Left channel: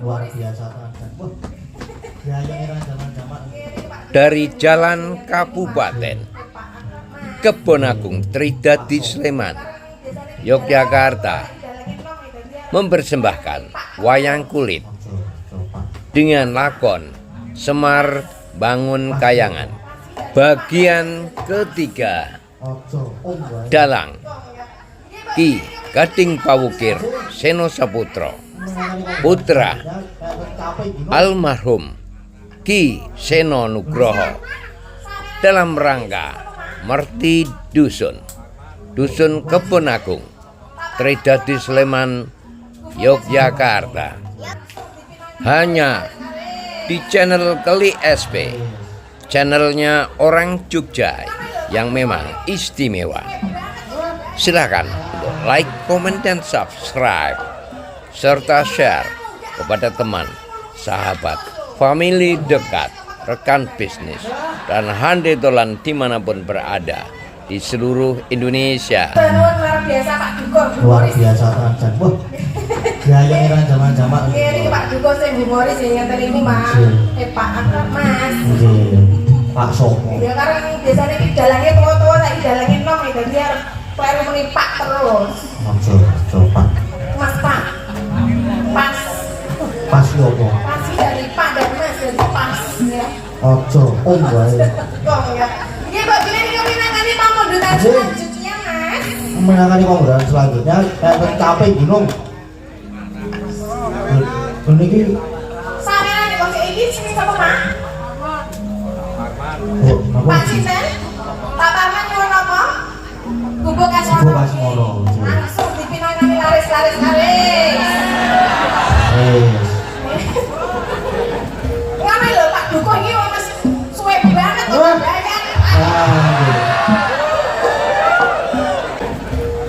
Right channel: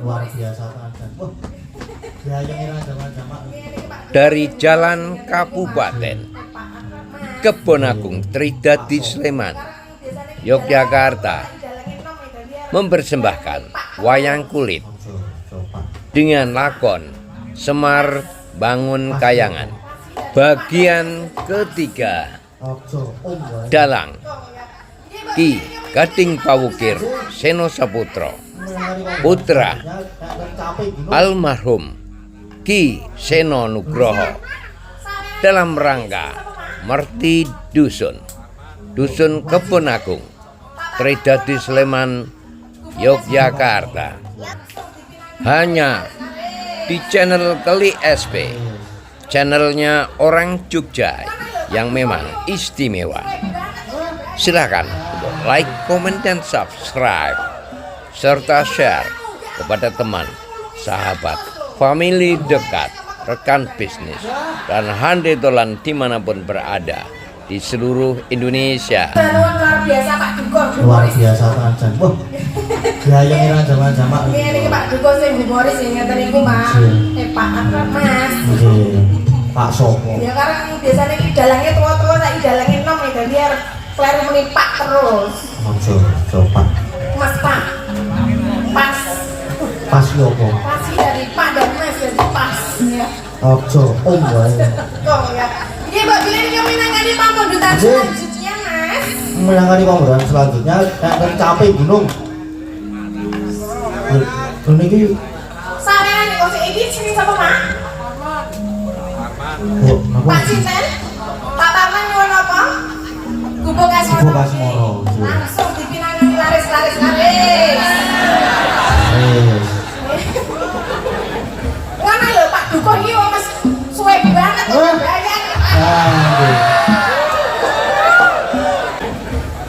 luar biasa kan. Oh, gayanya jamaah. Dari Jalan Kabupaten Kebon Agung Tridadi Sleman, Yogyakarta, mempersembahkan wayang kulit dengan lakon Semar Bangun Kayangan bagian ketiga. Dalang Ki Gading Pawukir Seno Saputro, putra almarhum Ki Seno Nugroho, dalam rangka Merti Dusun Kebon Agung Tridadi Sleman, Yogyakarta. Hanya di channel Keli SP, channelnya orang Jogja yang memang istimewa. Silakan untuk like, komen, dan subscribe, serta share kepada teman, sahabat, famili dekat, rekan bisnis, dan hande tolan dimanapun berada di seluruh Indonesia. Luar biasa kan. Oh, gayanya jamaah. Ini Pak Duko sing humoris sing ngeten niku, Pak. Pak Mas. Pak Sopo. Ya karena biasanya iki dalange tua-tua, saiki dalange enom ya biar kleru melipat terus. Coba. Mas Pak. Pas. Pas logo. Pas dari Pak dan Mas jadi pas ya. Ojo, wae. Kok ya. Iya, Mbak Billy ini minangkani pamundutan selanjutnya, Mas. Menangani pembunuhan selanjutnya, kayak capek gunung. Ini ki Sampeyan nek kok iki sini sapa, Pak? Pak sih? Sinten? Pak Parman nyuwun apa? Gubuk Asmoro. Gubuk Asmoro. Langsung dipinangani laris. Ngene lho Pak Duko iki wong wis suwe banget kok bayar.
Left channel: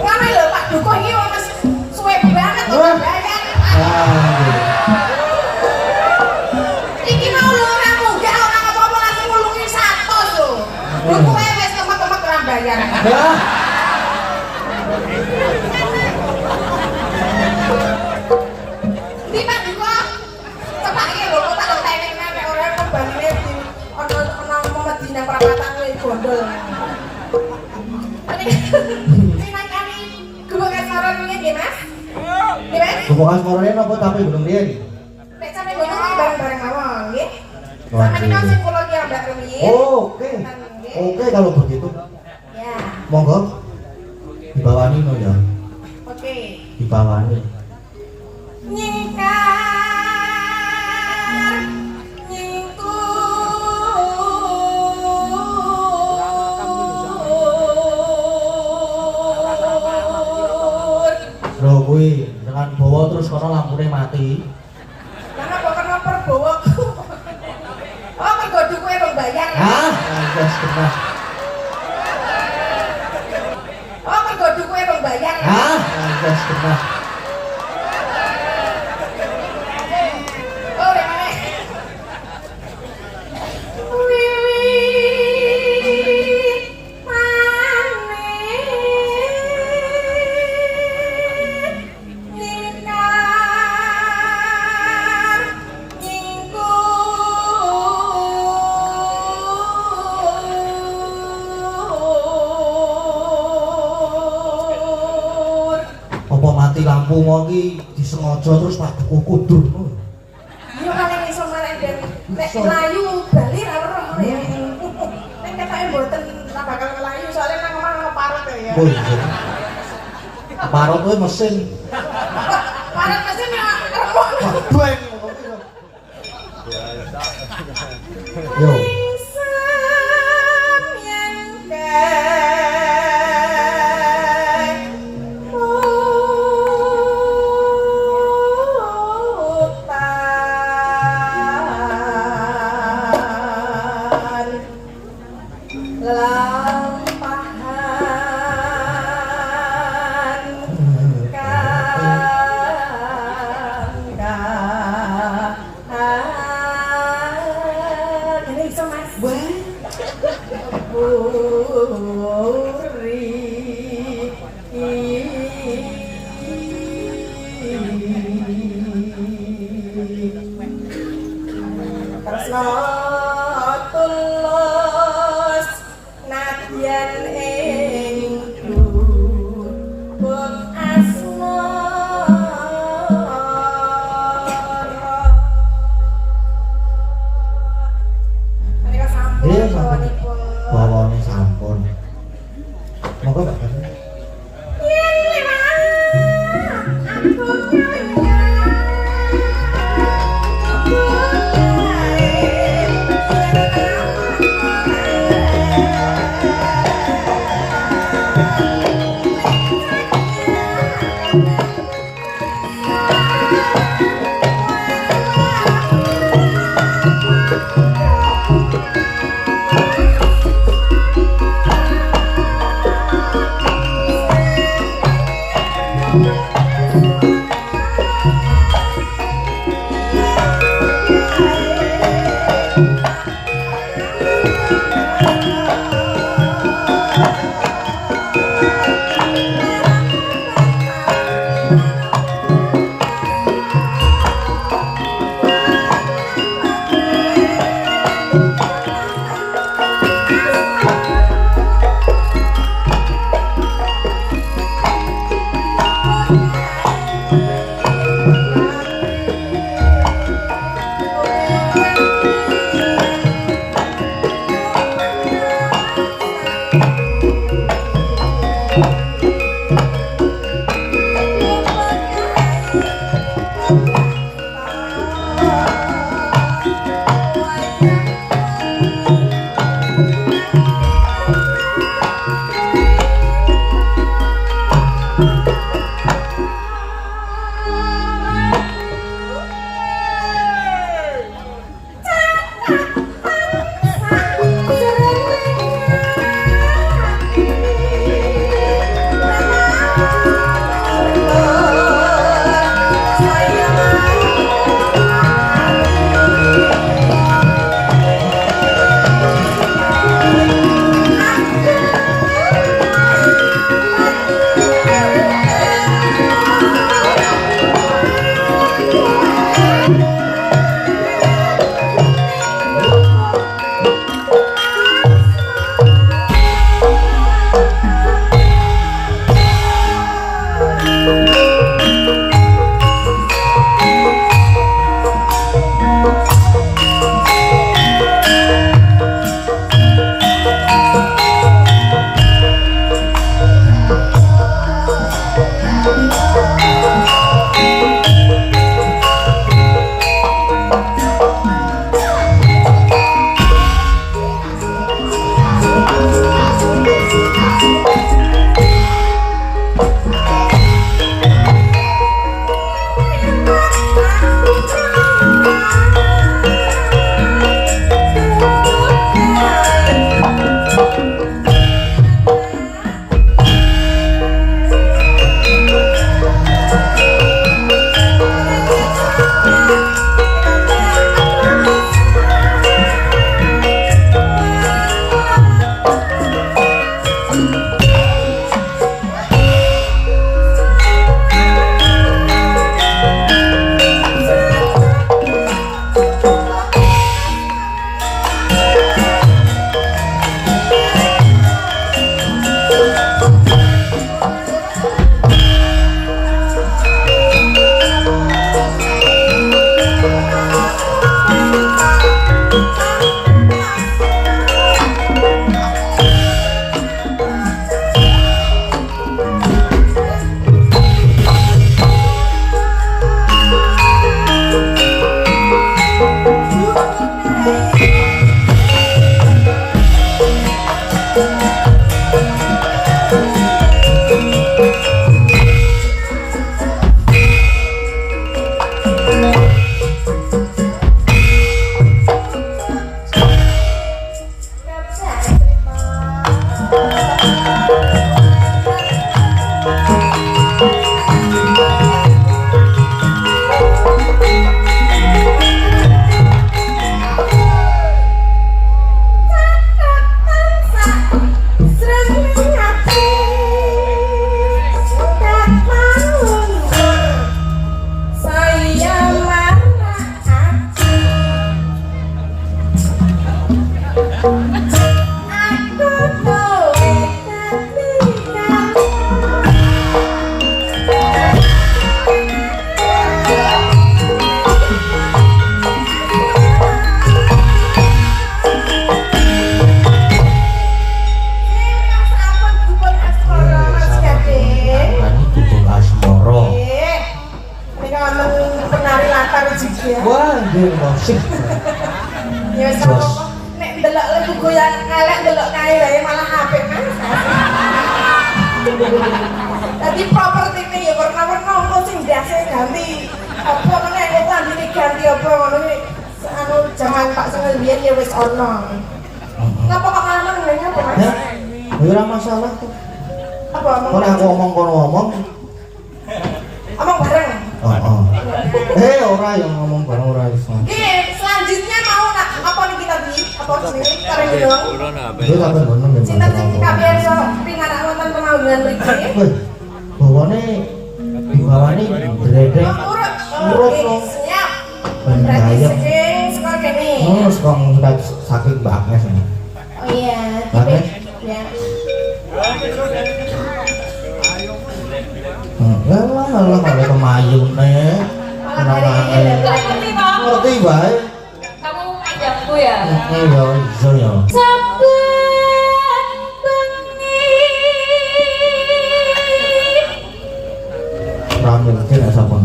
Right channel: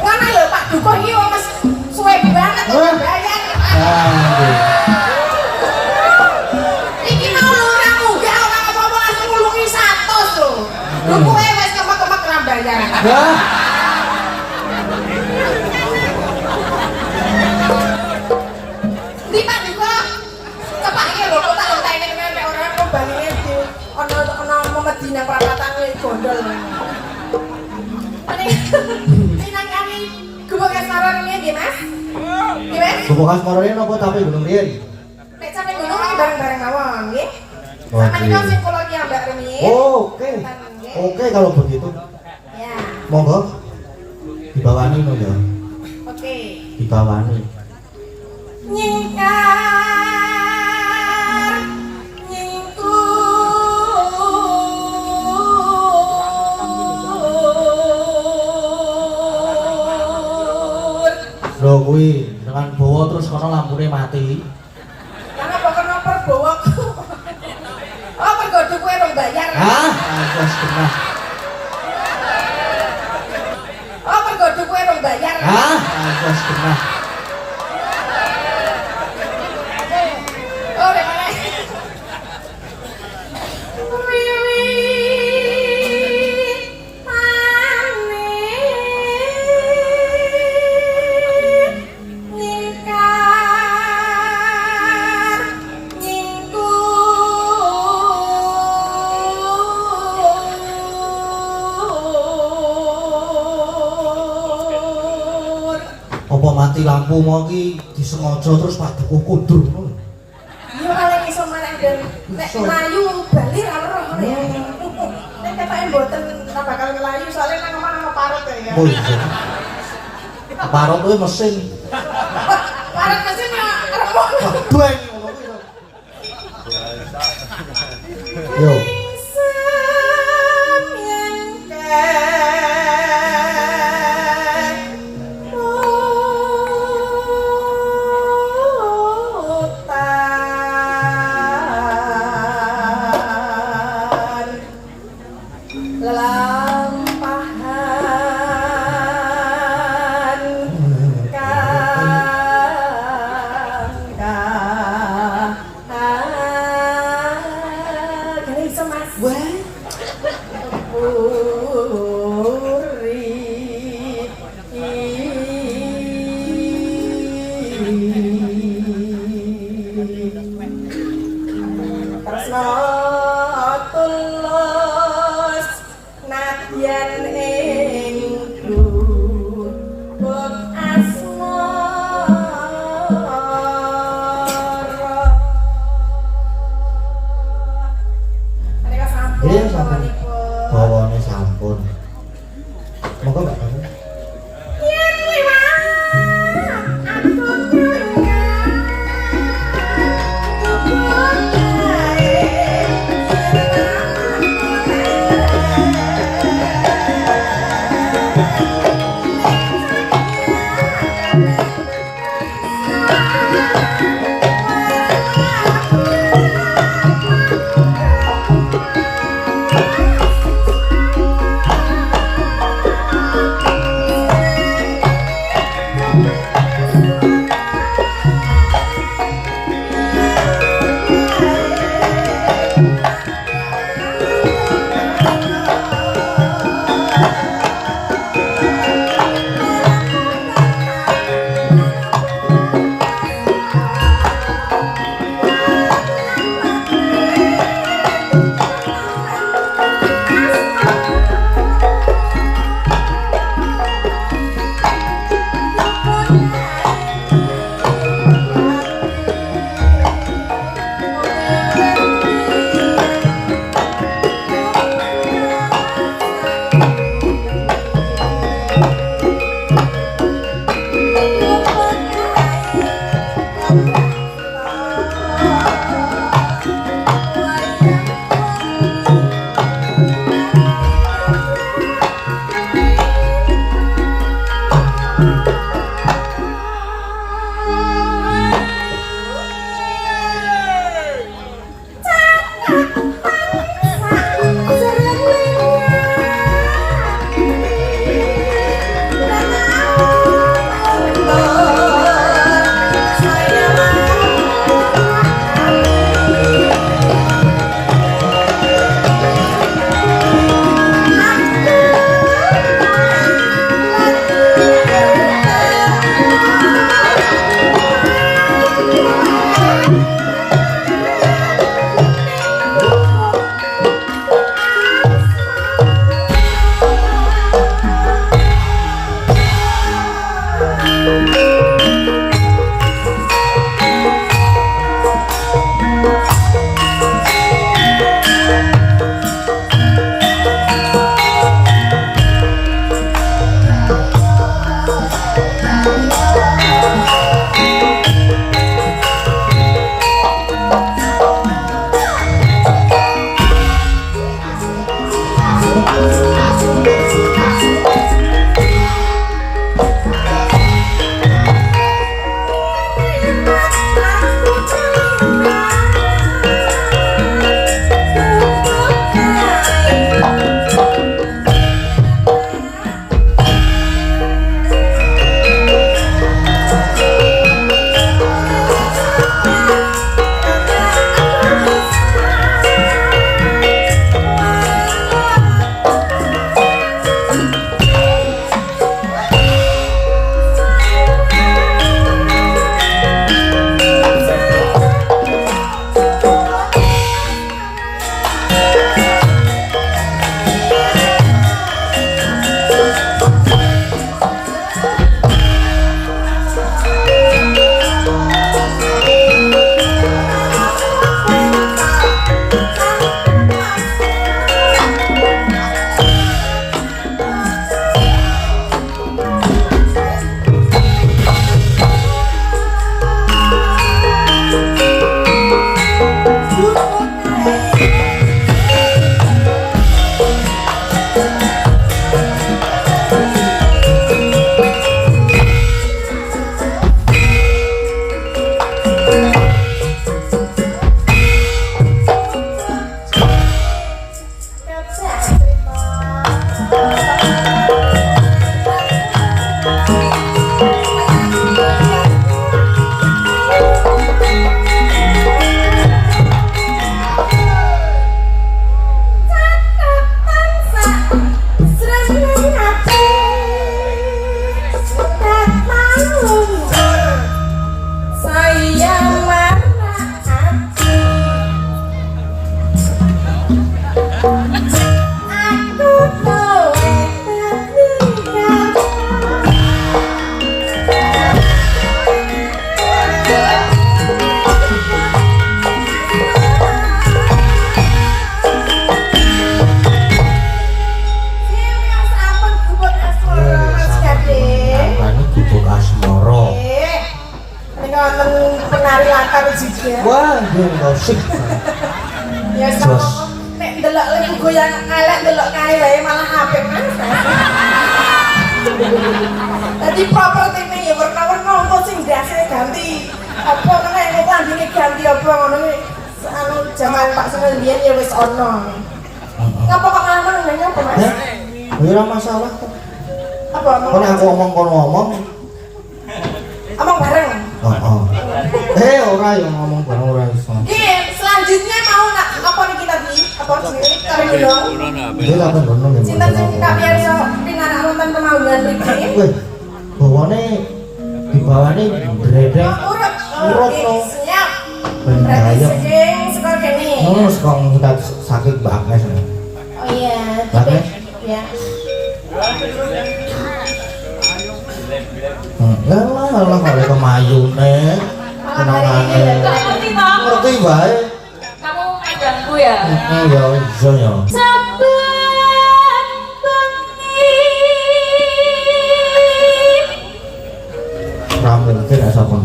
Ngene lho Pak Duko iki wong wis suwe banget kok bayar. Iki mau ora munggah ora apa-apa langsung nulungi 100 lho. Dukuke wis kemet-kemet ra bayar. Di Pak Duko cepake lho kok tak enteni nek ora bangine di ana memedina perapatan kuwi gondol. Minangkani gubuk asmara ini nggih Mas? Nggih Mas? Gubuk Asmoro ini nopo tapi belum riyen. Nek sampe ngono iki bareng-bareng mawon nggih. Wah, Sampe niku sing kula ki ambek rumiyin. Oke kalau begitu. Ya. Monggo dibawani no ya. Oke. Dibawani. Nyingkar nyingkur. Lho kuwi dengan bawa terus kono lampune mati. Kenapa bawa? Oh, mergo dukuke rong bayar. Hah? Wes genah. Oh, mergo dukuke rong bayar. Hah? Wes genah. Oh, rek. Apa mati lampu mau ki disengaja terus Pak Dukuh kundur. Yo kaleng iso marang dari nek mlayu bali ra weruh ya. Nek ketoke mboten ora bakal mlayu soalnya nang omah ono parut ya. Oh iya. Parut kuwi mesin. Parut mesin ya remuk. Dueng. Yo. Lampahan musik. Ya sama nek ndelok lagu goyang elek ndelok kae wae malah apik kan. Jadi properti ini ya warna-warna apa sih biasa ganti apa meneh kok landine ganti apa ngono iki anu zaman Pak Semil biyen ya wis ono. Ngapa kok malah nang ngene apa Mas? Ya, ya ora masalah kok. Apa Kan aku omong kono ngomong. Omong bareng. Ora yang ngomong bareng ora iso. Iki selanjutnya mau nak apa nih kita bi? Apa sih? Tarik dulu. Iya apa ngono. Cinta sing kabeh iso pinarak wonten kemauan mriki. Weh, bawane dibawani dredeg. Urut. Urut. Siap. Ben Berarti bahaya. saking saka kene. Terus kok nggak sakit banget. Oh iya, Banget. ya. Ya lah kali kemayun nih. Ngerti toh? Ngerti bae. Kamu ayahku ya? Ya iso ya. Saben bengi Ora mungkin asa pun.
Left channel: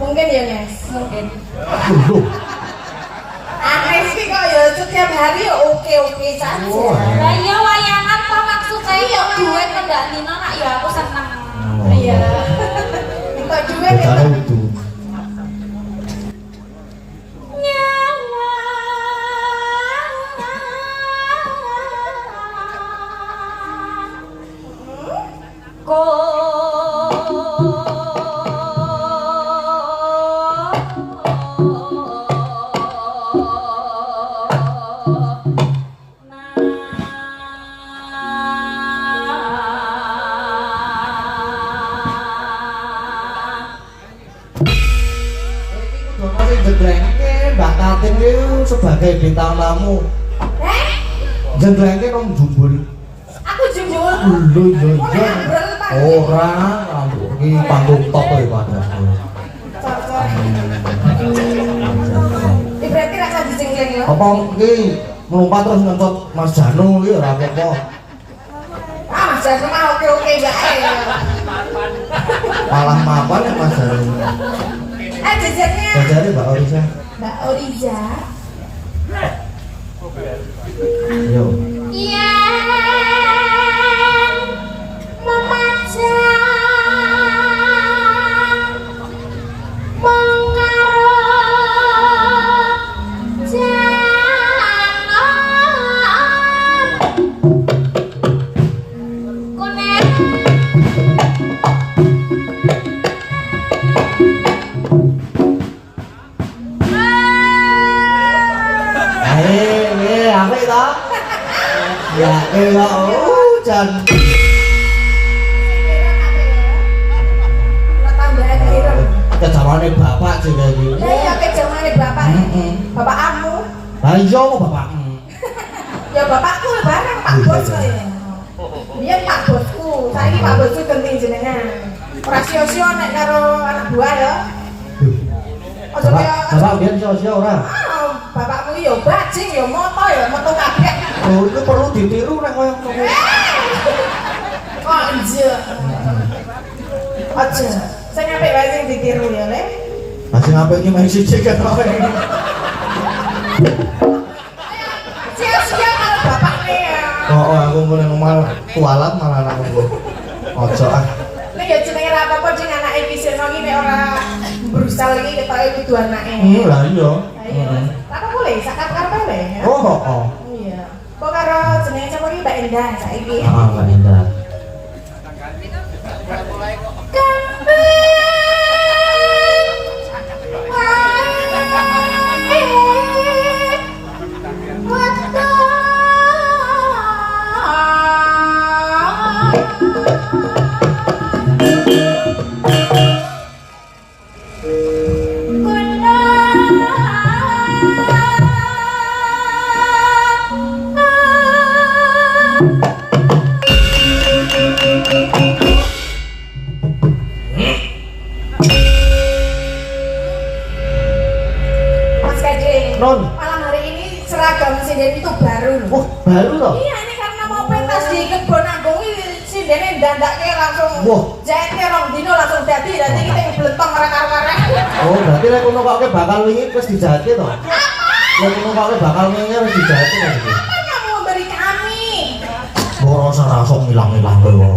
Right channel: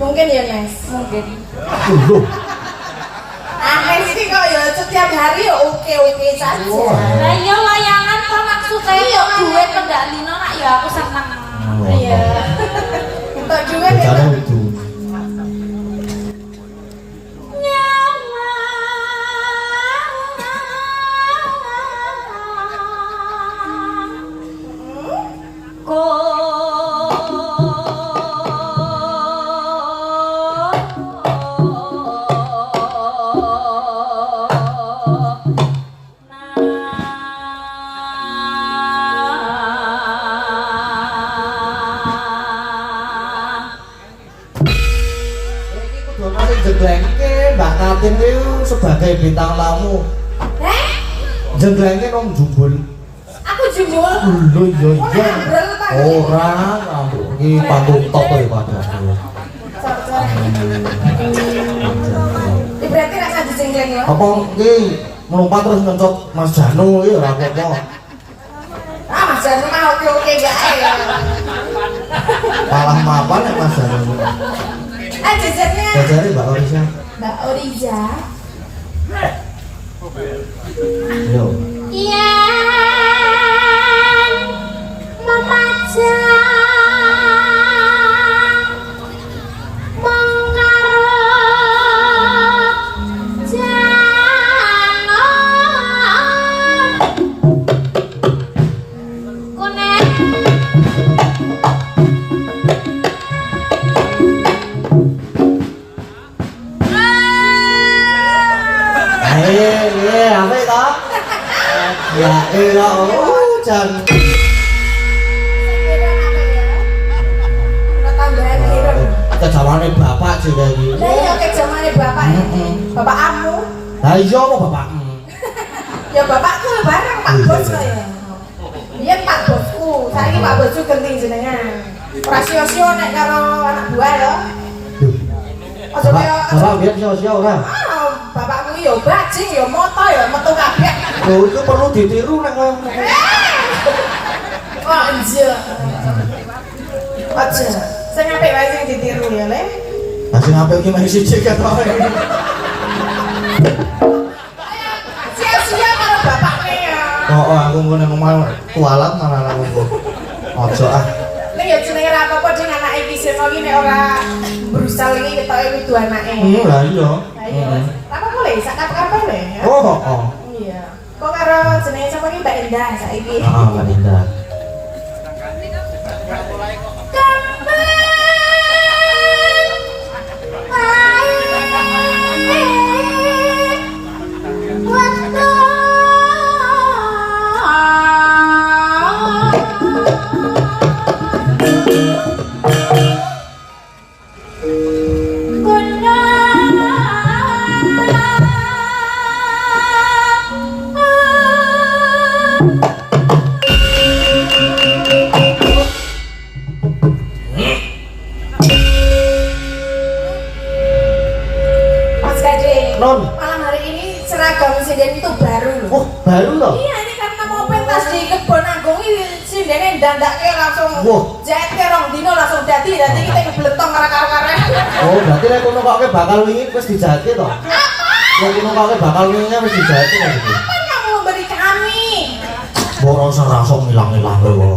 Mungkin ya, Mas. mungkin. Loh, Aneh sih kok ya setiap hari ya oke-oke saja. Lah iya layangan kok maksudnya Iya, Mas. duwe pendalino nak ya aku seneng. Iya. Kita juga bicara kita itu. Donasi jeglengke Mbak Tatin itu sebagai bintang tamu. Jeglengke nang jumbul. aku jujur. Lho yo Ora iya. ngobrol tak. Ora, iki panggung top ya padahal. Berarti rasa dijengkleng ya. Apa iki melompat terus ngencot Mas Janu iki ora apa-apa. Ah, jangan mau oke-oke ya. Kalah mapan ya Mas Janu. Jajannya Jajare Mbak Orisa. Mbak Oriza. Yo. Yen memajang mung karo janon kuning Apa itu? Ya elah, Jan. Tambahan kira. Kejawane bapak sih kayak gitu. Lah iya kayak zamane bapak. Bapak kamu. Lah iya apa bapakmu? Ya bapakku ya bareng Pak Bos saya. Dia Pak Bosku. Saiki Pak Bosku ganti jenengan. Rasio-sio nek karo anak buah ya. Aja kaya Bapak biar sio-sio ora. bapakku ya bajing ya moto ya metu kabeh. Oh, itu perlu ditiru nek koyo ngono. Anjir. Aja. Sing apik wae sing ditiru ya, Le. Lah sing apik iki meh siji kan. Sia-sia karo bapakne ya. Oh, aku ngene ngomong kualat malah aku. Ojo ah. Nek ya jenenge ra apa-apa ding anake iki sing iki nek ora berusaha iki ketoke kudu anake. Lah iya. Apa boleh? Sakat apa boleh? Oh. Iya. Kok karo jenenge sama iki Mbak Endah saiki. Heeh, Mbak Indra. Mas Gade. Non. Malam hari ini seragam sinden itu baru loh. Oh, baru loh. Iya ini karena mau pentas di kebon agung ini sindene ndandake langsung Wah. jahitnya rong dino langsung dadi nanti kita yang beletong karek-karek. Oh, berarti nek kono kok bakal wingi wis dijahit to. Nek kono kok bakal wingi wis dijahit to gitu. Apa kamu memberi kami? Mbok rasa ngilang-ilang lho.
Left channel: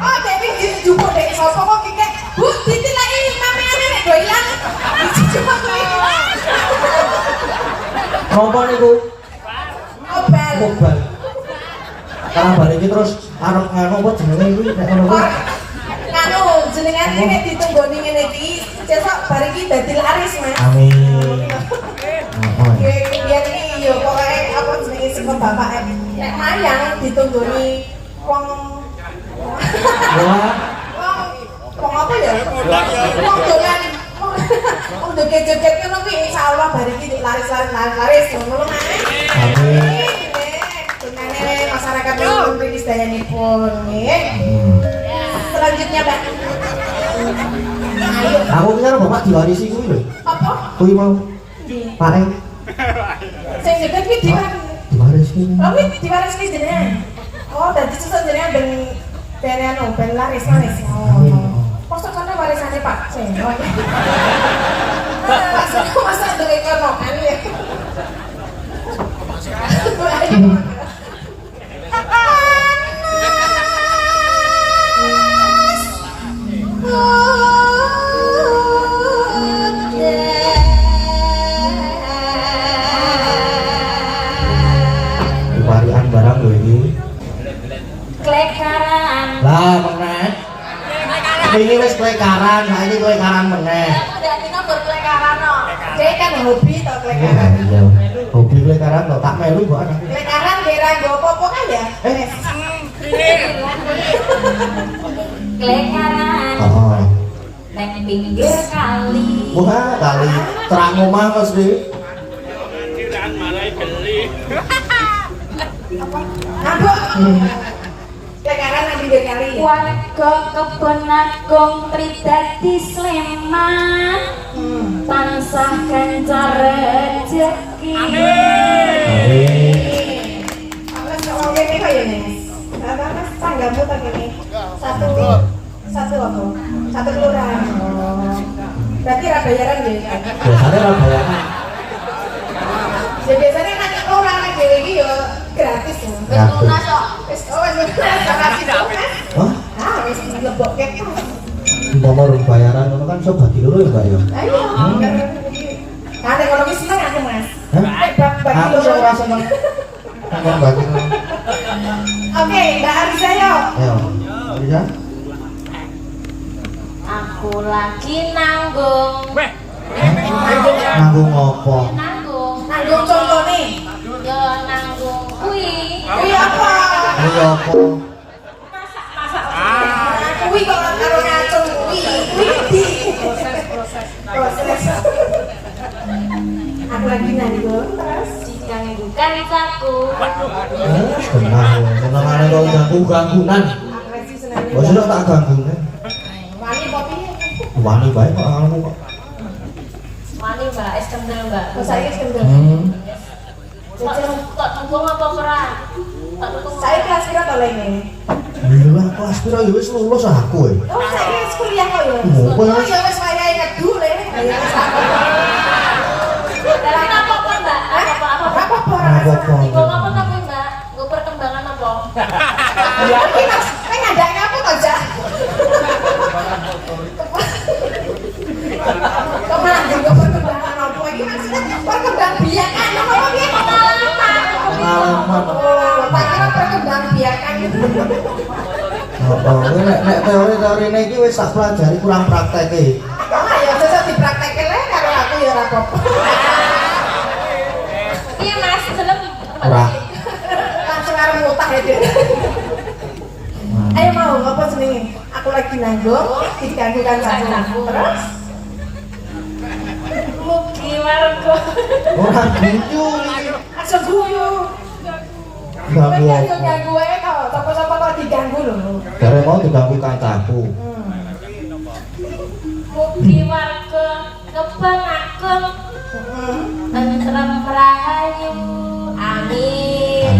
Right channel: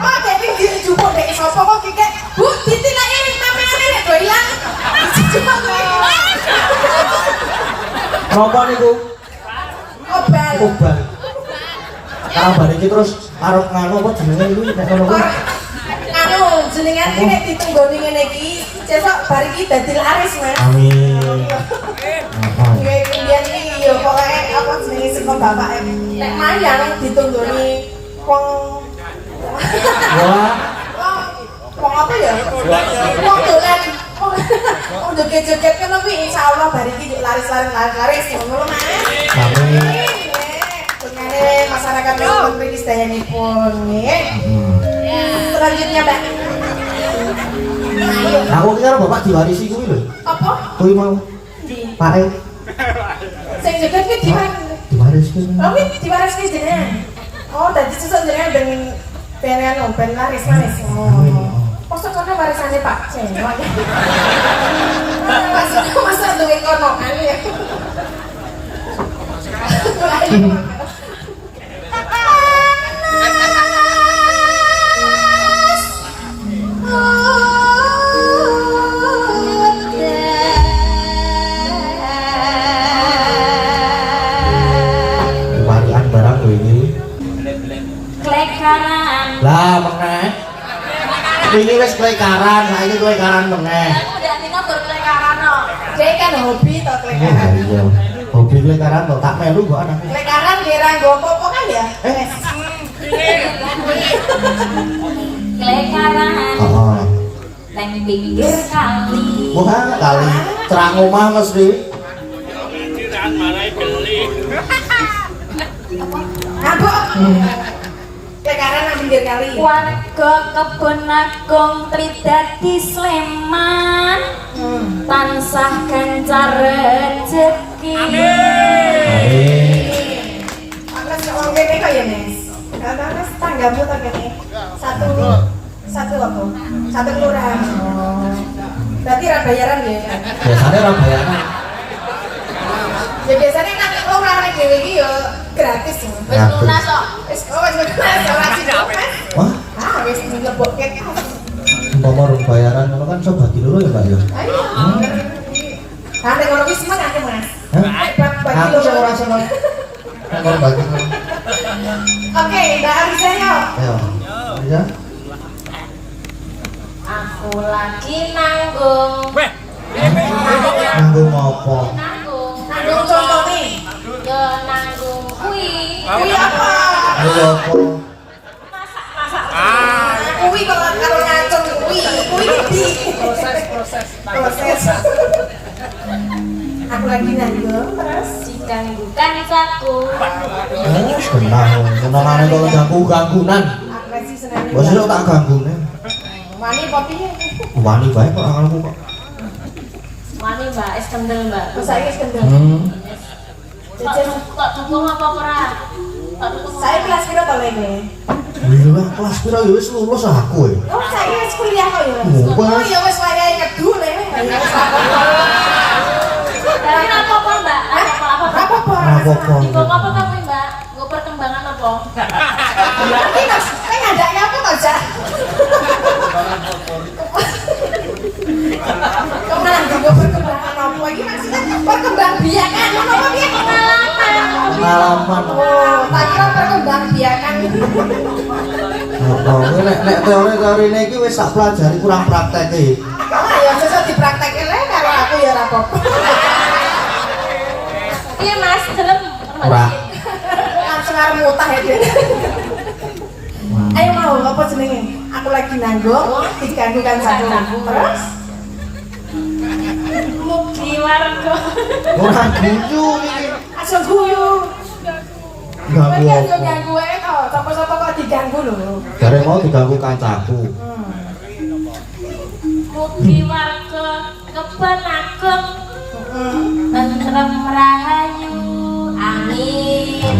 Oh, jadi jumbo dari sopo kok kike. Bu, ditilak ini mamane nek do ilang. Cuma kowe. Napa niku? Obal. Obal. Kabar iki terus arep nganu apa jenenge iki nek ngono kuwi. Kanu jenengan iki nek ditunggoni ngene iki, sesuk bar iki dadi laris, Mas. Amin. Biyen iki yo pokoke apa jenenge sing bapak nek mayang ditunggoni wong Wah, wong apa ya? Wong dengan wong joget-joget ngono kuwi insyaallah bar iki laris ngono Mas. amin. Dungane masyarakat pun mriki sedayanipun nggih. Selanjutnya, Mbak. Ayo. Aku kira bapak diwarisi kuwi lho. Apa? Kuwi mau Di. Pak Sing joget kuwi diwarisi. Oh, kuwi diwariski jenengan. Oh, dadi sesuk jenengan ben ben laris. Masa kono warisane Pak Cewek. Masa duwe kono kali ya. Warian barang lho iki. Klekaran. Lah meneh. Wingi wis klekaran, saiki klekaran meneh. Udah dino berklekaran no. Kayak kan hobi to Iya, klekaran. iya. Hobi klekaran kok tak melu kok anake. Klekaran kira nggo apa kan ya? Klekaran. Heeh. Neng pinggir kali. Wah, kali terang omah Mas Wi. Apa? Klekaran nang pinggir kali. Warga kebon agung Tridadi Sleman. Tansah gencar rezeki. Amin. Mas ngomong kene kok ya, Nes. Karena Mas tanggamu ta kene. Satu apa? Satu kelurahan. Oh. Berarti ra bayaran ya kan? Biasane ora bayaran. Ya biasanya kan orang nek dhewe iki ya gratis ya. Wis lunas kok. Wis lunas ora sibuk Mas. Wah, Ah, wis dilebokke. umpama rung bayaran ngono kan iso bagi loro ya, Mbak ya. Ayo. Nah, nek ngono ki seneng aku, Mas. Hah? Hebat bagi Aku sing ora loro. seneng. Nek bagi loro. Oke, Mbak Arisa yo. Ayo. Bisa? Aku lagi nanggung. Nanggung apa? Nanggung. Nanggung contone. Nanggung kuwi. Kuwi apa? Ini apa? Kuwi kok karo ngacung kuwi. Kuwi di proses. Aku lagi nanggung terus Diganggukan saku. Tenang, senengane kok ganggu-ganggunan. agresi seneng. Wis iso tak ganggune. Wani apa piye? Wani bae kok kamu kok. Mani mbak, es kendel mbak. Terus saya kendel. Jajan Tak dukung apa ora? Tak dukung. saya kelas piro to lene? Lha lah kelas piro ya wis lulus aku e. Oh, saya wis kuliah kok ya. Oh, Oh, ya wis wayahe ngedu lene. Ya wis Tapi apa mbak? Apa? apa-apa. Apa-apa. Dukung apa kan mbak? Gue perkembangan apa? Ya iki Mas, kan ndaknya apa kok, Jak? Nah, gue perkembangan apa iki maksudnya perkembang biakan apa piye pengalaman. Pengalaman. Oh, tak kira perkembang biakan gitu. Oh, nek teori-teorine iki wis tak pelajari kurang prakteke. Nah, ya sesuk dipraktekke lek karo aku ya ora apa-apa. Iya mas, serem. Ora. Langsung arep ngutah ya. Ayo mau apa jenenge? Aku lagi nanggung, diganggu kan satu. Terus warga. Ora guyu iki. Aja guyu. Ganggu Aja apa? ganggu to. Sapa-sapa kok diganggu lho. Jare mau diganggu kancaku. Mugi warga kebon agung tentrem rahayu. Amin.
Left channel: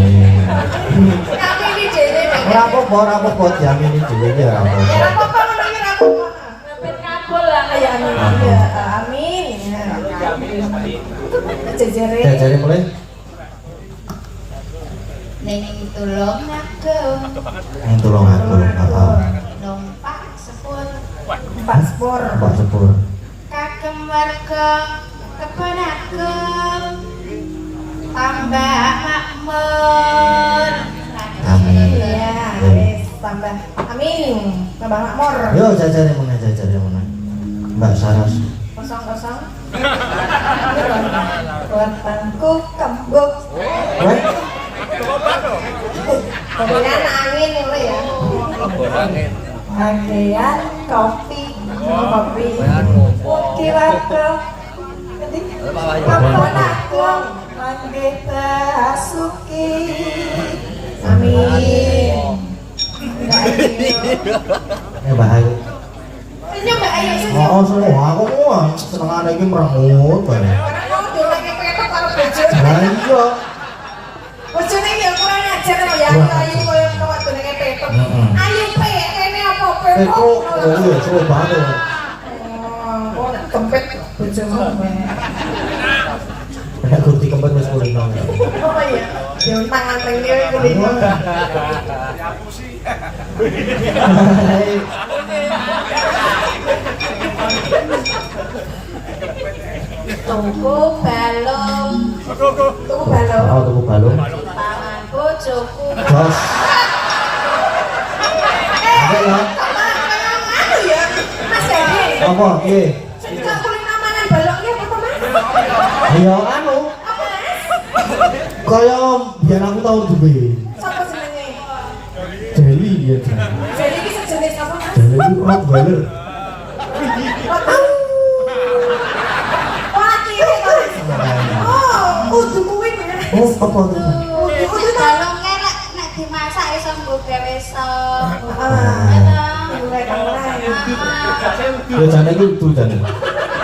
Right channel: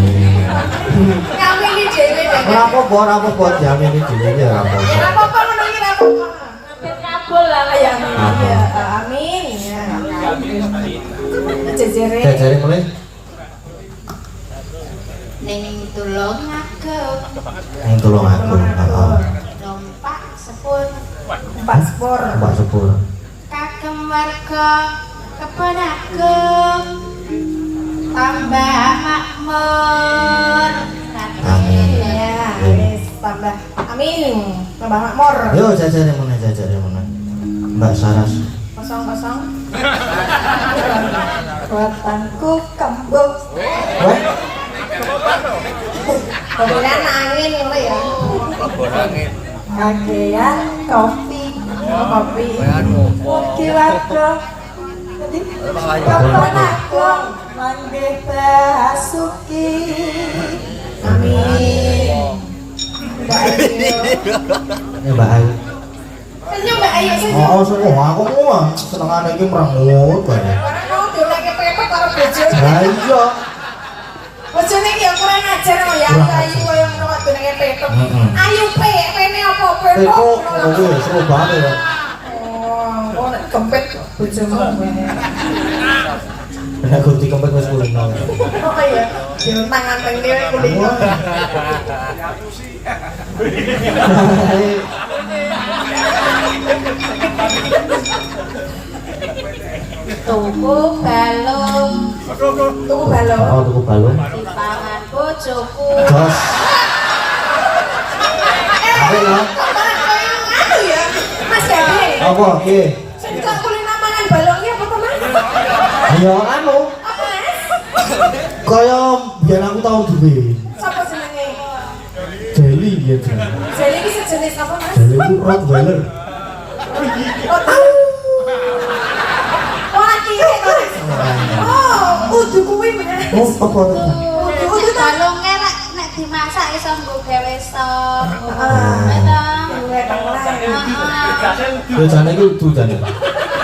Kamu ini dhewe nek. Ora apa-apa diamini dhewe ya ora Ya apa-apa. apa-apa ngono iki ora apa-apa. Amin kabul lah Ya amin. Ya amin. Ya. Jejere. Jare mulai ning tulung agung yang tolong aku. Heeh. numpak sepur Paspor. Mbak Sepur. kagem warga kebon agung tambah makmur. Amin. Ya, wis tambah. Amin. Tambah makmur. Yo jajare mana. Mbak Saras. Kosong-kosong. Buatanku kembung. Weh, Kemudian angin ngono ya. Kakean kopi. Kopi. Kira-kira. Kapan aku manggil Basuki. Amin. ini Mbak Ayu. Senyum Mbak Ayu senyum. Mau semua aku mau senengane iki merengut bae. Karena kamu dolake petok karo bojone. Lah iya. Bojone ya kurang ajar kok ya ayu koyo ngono dolake petok. Ayu pene apa petok? Peko kuwi seru banget ya. Oh, kok kempet bojomu. Nek gunti kempet wis kulino. Apa ya? Dia tangan pengen kulino. Tuku balung Tuku balon. Oh, tuku balung. pangan bojoku. Jos. Apa ya? Anu ya, Mas Yadi. Apa piye? Sejak kulino mangan baloknya apa Mas? Ya anu. Kaya biyen aku tau duwe. Siapa jenenge? Jeli ya jenenge. Jadi iki sejenis apa Mas? Jeli itu Rottweiler. Malah kiri to. Oh, udu kuwi. Oh, apa? Udu to. Balungnya nek dimasak iso nggo gawe sop. Ya jane iki udu jane.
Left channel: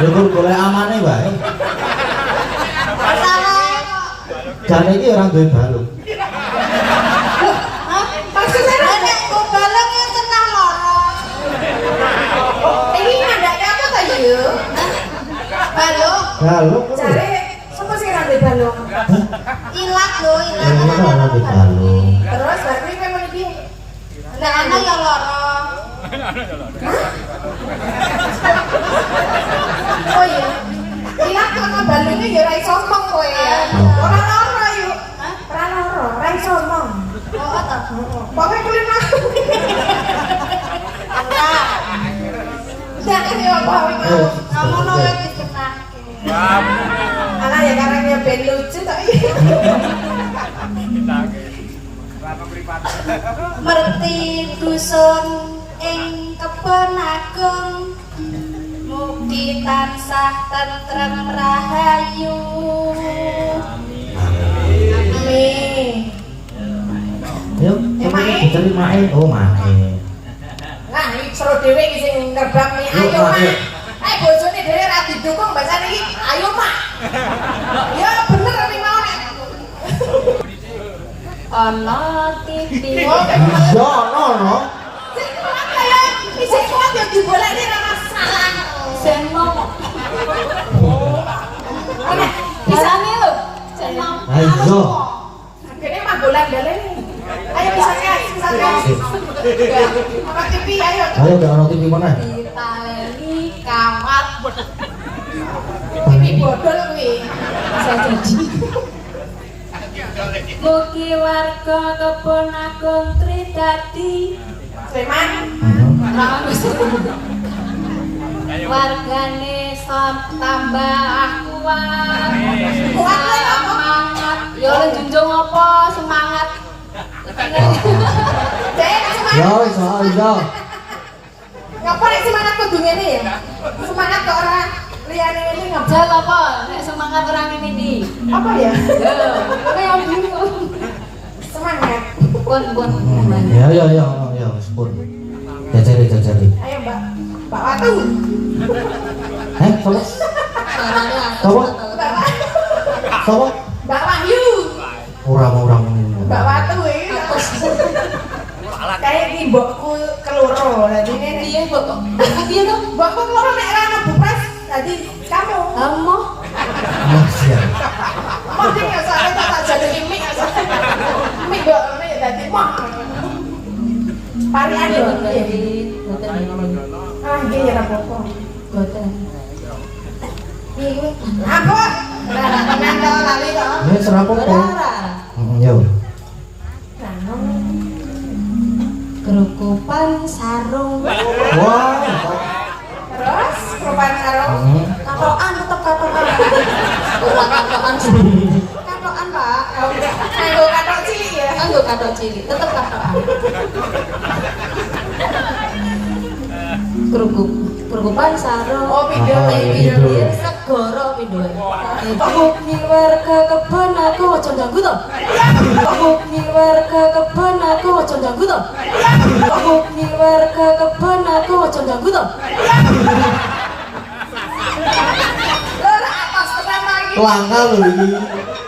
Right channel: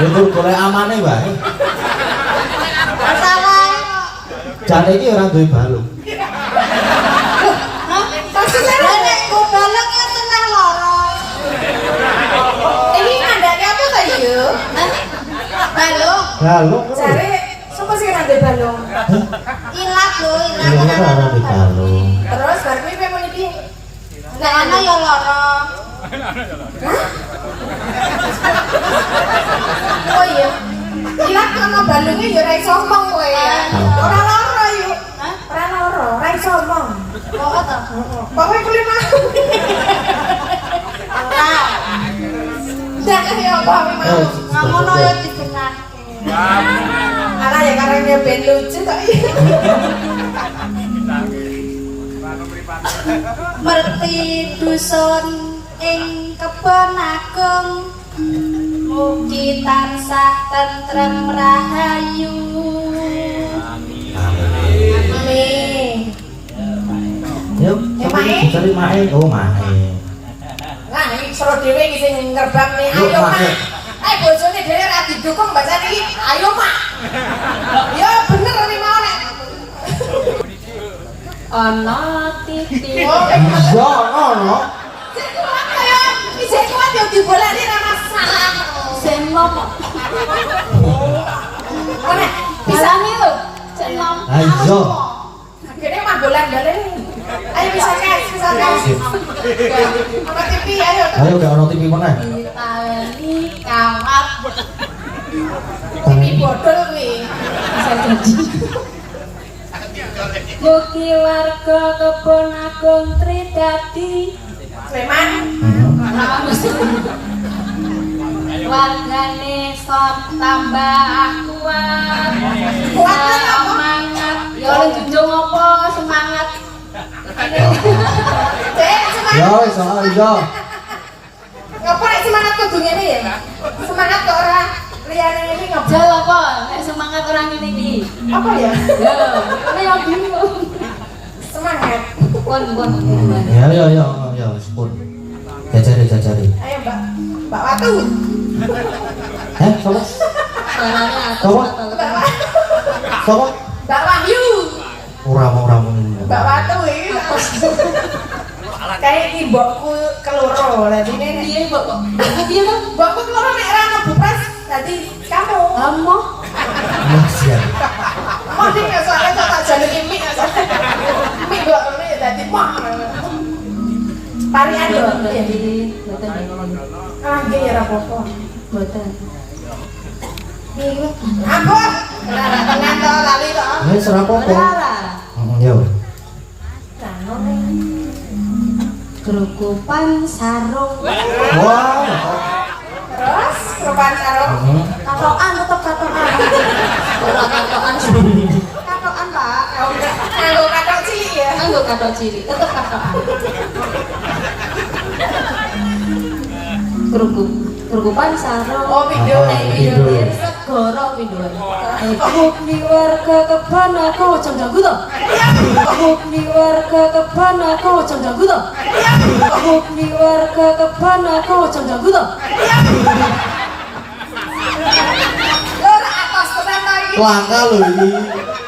Ya kudu golek amane wae. Jane iki ora duwe balut. Ini mandake apa ta yo? Balung. Jare sapa sing ora duwe balung? Ilat lho, Ya ora duwe balung. Terus bar kuwi pengen iki. Nek ana ya lara. Oh iya. Ilang ana balungnya ya ora iso omong kowe ya. Ora lara yo. Ora lara, ora iso omong. Kok to? Pokoke kuwi mah. Jangan ya apa Ngono ya dibenake. Ala ya karena ben lucu kok. Merti dusun ing kebon agung mugi tansah tentrem rahayu. Amin. Yuk, cari mae. Oh, mae. Nah, iki sero dhewe iki sing ngerbak nih. Yuk, Ayo, Mak, Mak. yuk. Bojone dhewe ra didukung bahasane iki. Ayo, Mak. Ya bener iki mau nek. Ana titik Iya, ono. Sing kuat kaya isih kuat ya dibolani ra masalah. sing nom. Nek Bisa nih lho. Sing nom. Ayo. akhirnya mah bolan gare. Ayo bisa kes. Mama TV ayo. Ayo gak ono TV mana? Ditali kawat. TV bodol kuwi. Bisa jadi. Mugi warga kebon agung Tridadi Sleman. wargane tambah kuat. Kuat lah, apa? Semangat. Ya njunjung apa semangat. Dek, semangat. Ya, iya. Ngapa nek semangat kudu ngene ya? Semangat kok ora liyane ini ngapa? Jal apa? Nek semangat orang ini di. Apa ya? Lho, yang bingung. Semangat. Pun. Ya, sepun. Jajari. Ayo Mbak. Mbak Watu. Sopo? Suaranya atas Apa? mata. Sopo? Mbak Wahyu. Ora mau. Mbak Watu iki. Kayak iki mbokku keloro. Lah dene Iya, Mbok. Iya dong. mbokku keloro nek ra ono bupras. Dadi kamu. Kamu. Masih. Mati ya soalnya tak jaluk mik. Mik kok nek dadi wah. Parian lho. Jadi, boten. Ah, iki ora apa-apa. Boten. Apa? Ora tenan to lali to. Ya serapo Ora kok. ora. Yo. Kerukupan sarung. Wah. Terus perubahan sarung. Katokan tetep katokan. Ora katokan sih. Katokan, Pak. Nganggo katok cilik ya. Nganggo katok cilik, tetep katokan. Kerukupan sarung. Oh, video. Video segoro videoe. Mugi warga kebon aku aja ganggu to. Mugi warga kebon aku aja ganggu to. Mugi warga kebon aku aja ganggu to. Ora atas tenan lagi. Langka lho iki.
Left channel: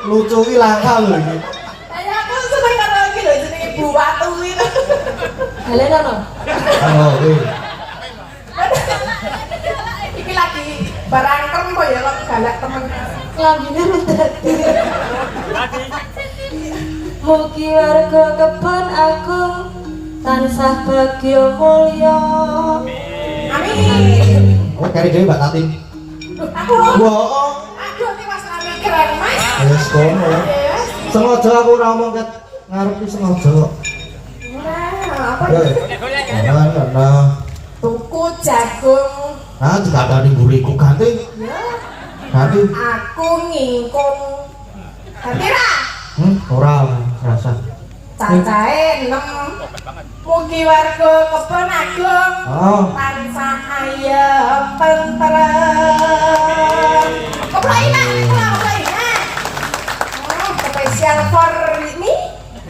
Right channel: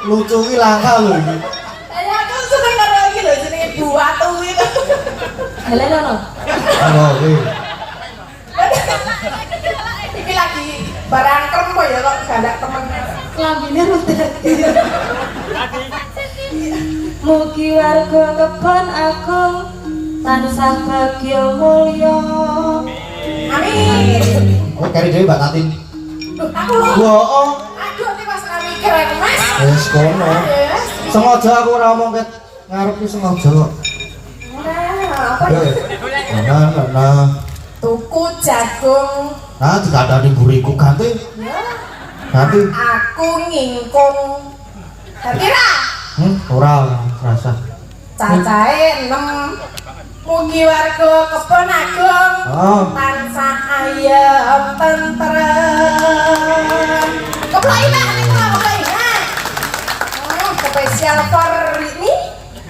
Lucu iki langka lho iki. Ayo aku seneng karo iki lho jenenge Bu Watu iki. Helena no. Ono kuwi. Iki lagi barang kempo ya kok galak temen. Lambine rudet. Mugi warga kebon agung tansah bagya mulya. Amin. Kok kari dhewe Mbak Tatin. Duh, aku. Wah. Aduh, iki pas nang mikir ya, Mas. Wis kono. Yes. Sengaja aku ora ngomong ket ngarep ki sengaja. Nah, apa ya? Nah. Tuku jagung. Nah, dikandani buriku ganti. Ya. Ganti. Aku ngingkung. Kira Ora rasa. cacahe 6. Mugi warga kebon agung Oh. tansah ayem tentrem. Keploi nak, keploi nak. Spesial for ini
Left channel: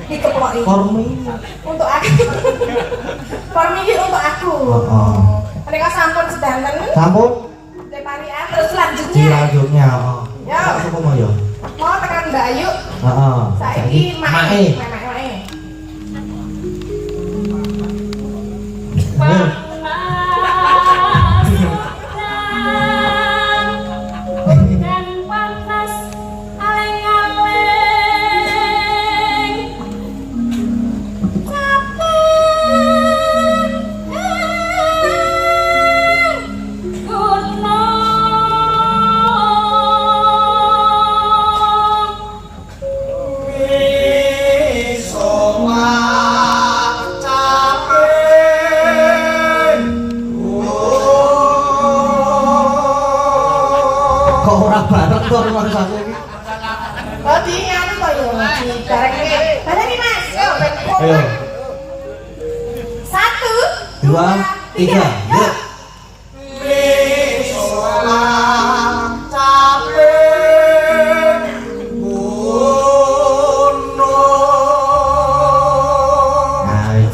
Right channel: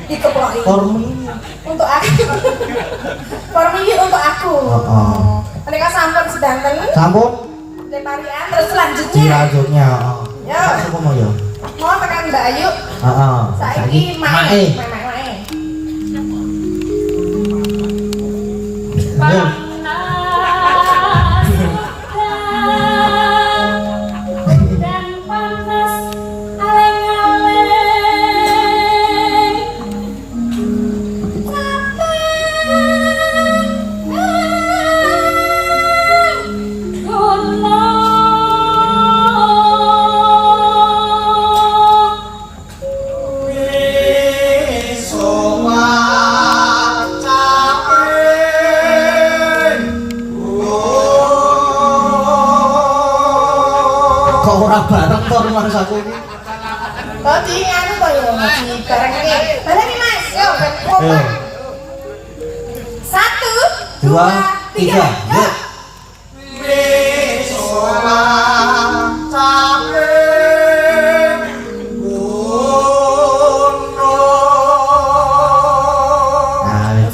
dikeploi. Kormi. Untuk aku. For ini untuk aku. Oh. Mereka sampun sedanten. Sampun Leparian terus selanjutnya. dilanjutnya. Ya. Aku mau ya. Mau tekan Mbak Ayu. Heeh. Saiki mae. Dan pantas aleng-aleng. Kok ora bareng to rumah aku iki? Oh, di anu to yo, di bareng iki. Mana nih, Mas? Yo, ben Ayo. 1 2 3. Yuk.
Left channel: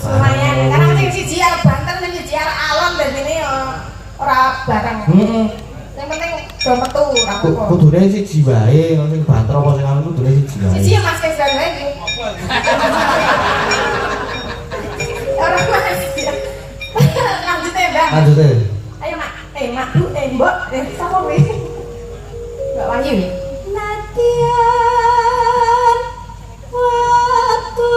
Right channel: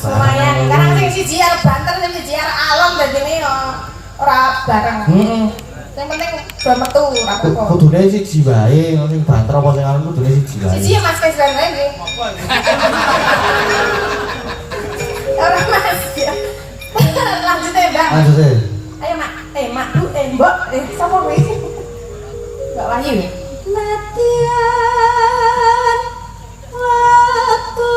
Lumayan, karena sing siji arep banter, sing siji arep alon dan ini yo ora bareng. Yang penting do metu ora apa-apa. Kudune siji wae, sing banter apa sing anu kudune siji wae. Siji ya Mas wis dan lagi. Ora Mas. Lanjut ya, Mbak. Lanjut deh. Ayo, Mak. Mak, Bu, Mbok. Sapa kuwi? Mbak Wahyu. Latihan waktu.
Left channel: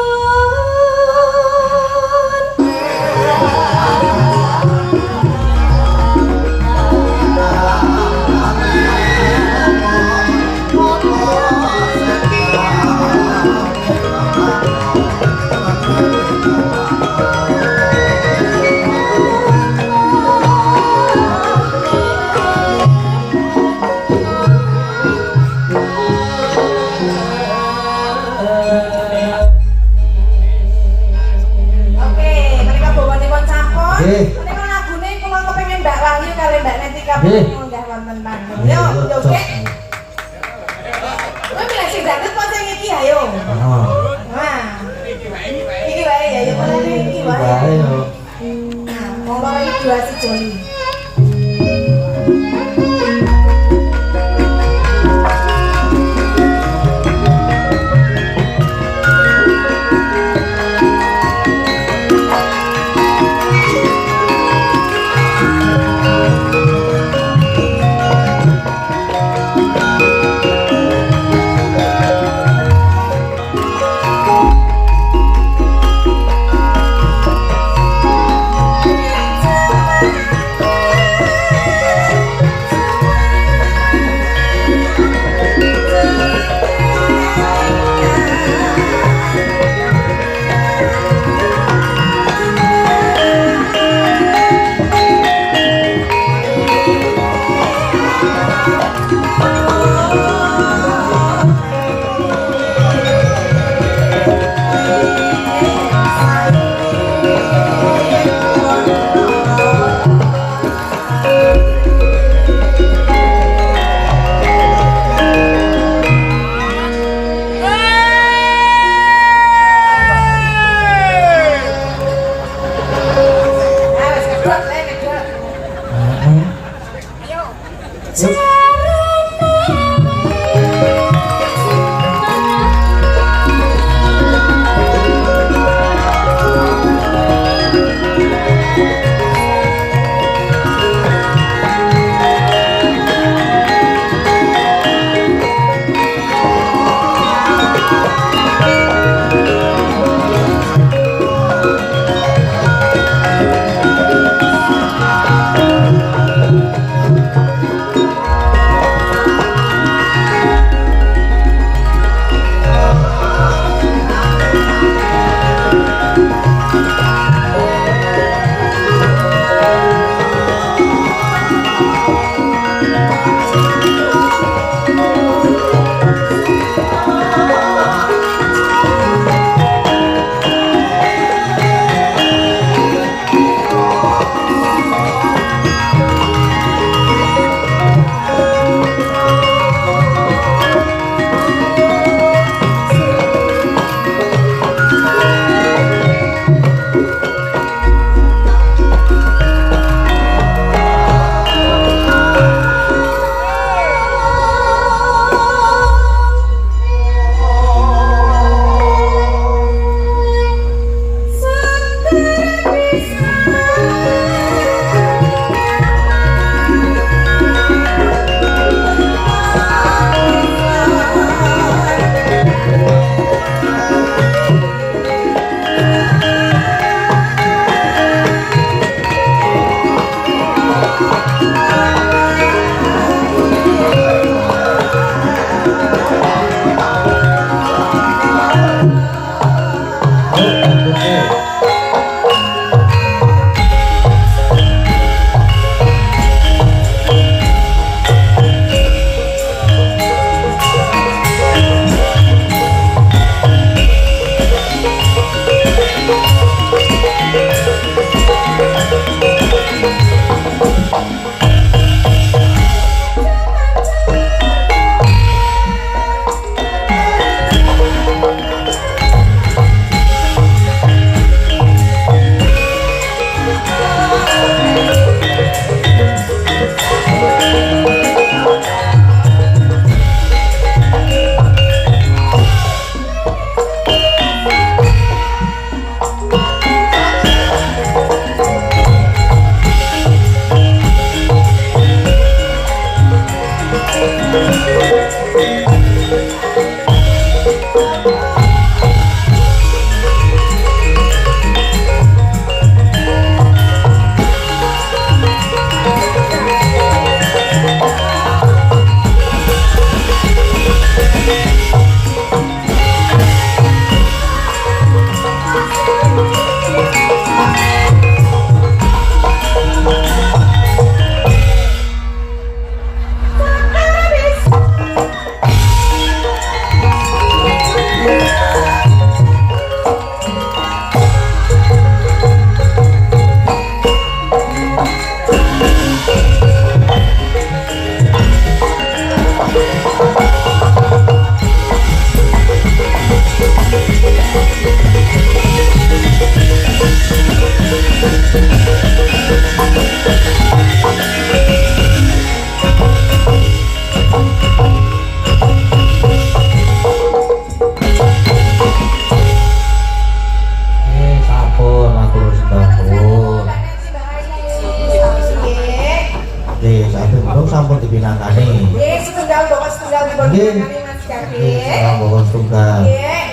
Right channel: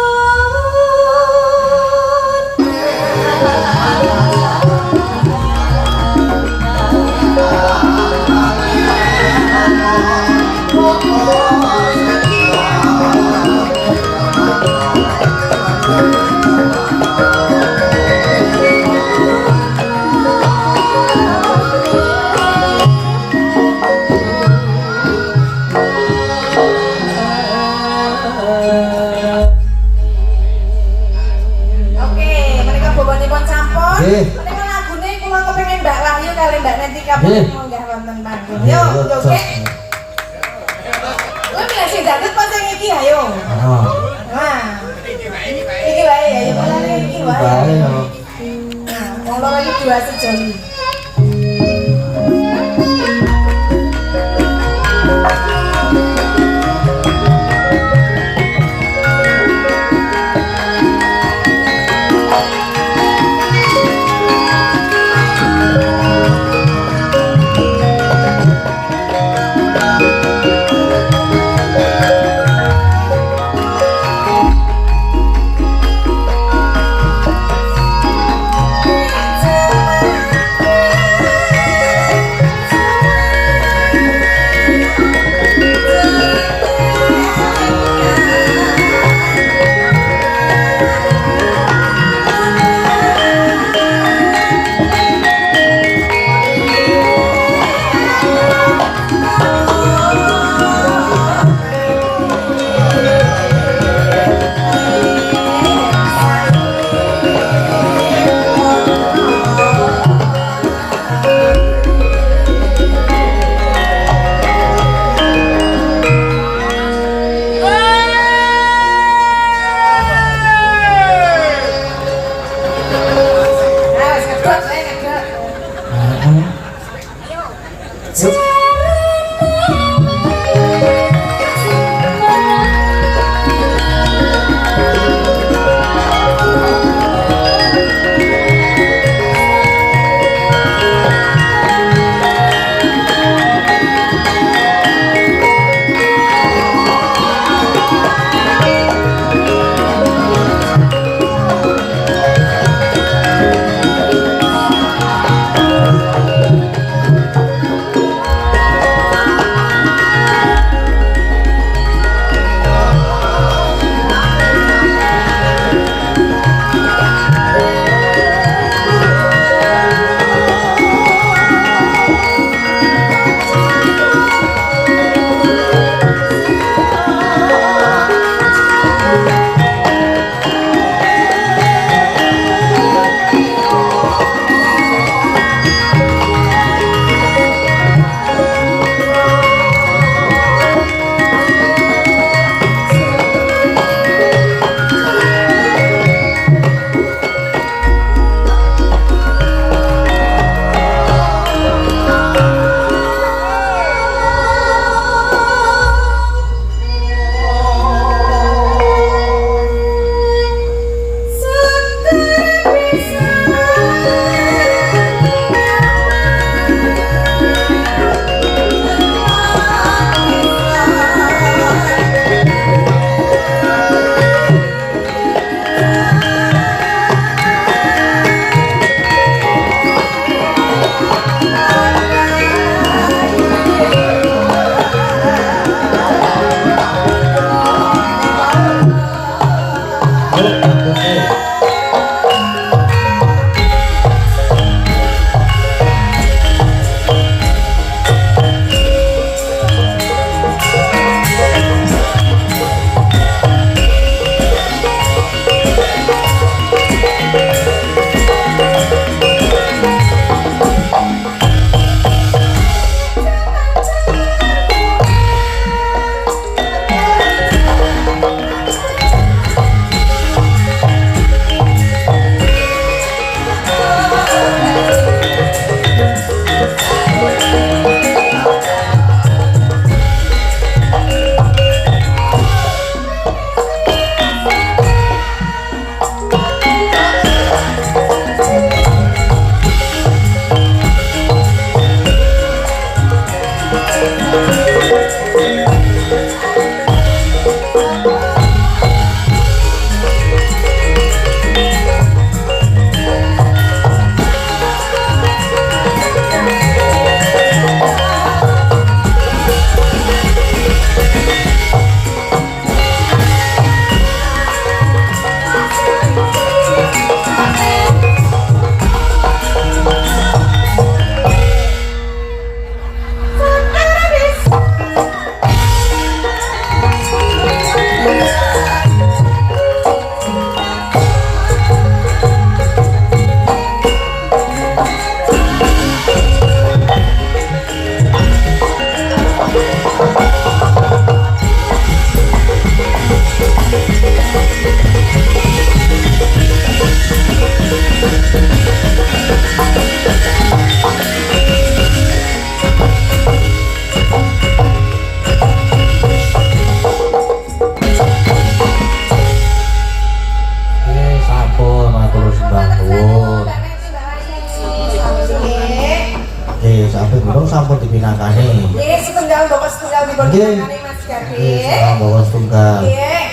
Oh, tunggal. Nggih.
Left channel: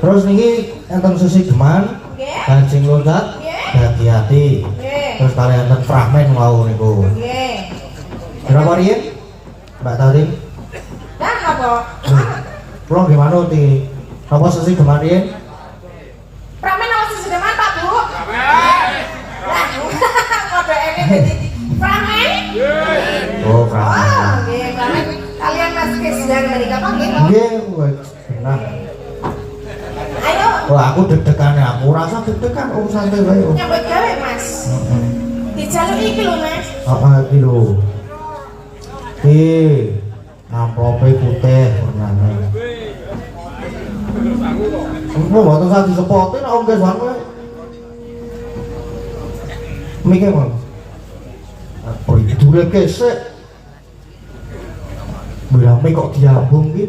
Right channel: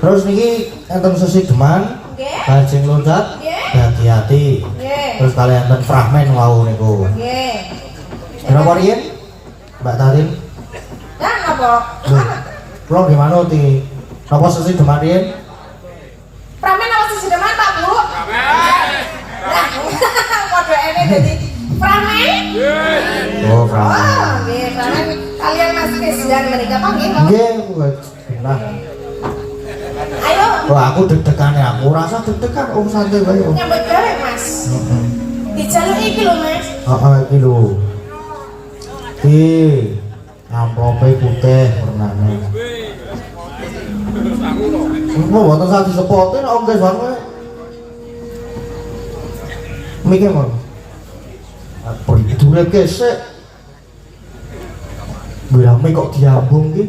Terus niki enten sesi geman, Nggih. bajing loncat, Nggih. bagi hati. Nggih. Terus kalian enten fragmen wau niku. Nggih. Berapa riyen? Mbak Tarin? Nah, apa? Loh, kula gimana ti? Napa sesi geman riyen? Pramen apa sih sudah Pak Bu? Kode ini jadi pramen. Oh, fragmen. Oh, nggih, pramen. Kalian Mas Krisdian mereka panggil. Nggih, nah. Ayo, Oh, aku deg-degan ya. Aku rasa deg-degan santai wae. nyambut gawe Mas. Dijaluk iki lho Mas. Heeh, iki lho. Iki amplope putih warnanya. Engko waktu saya disepotin Om Dewan wae. Mikir Mas. Apa itu kesek? Berame kok diambung ki?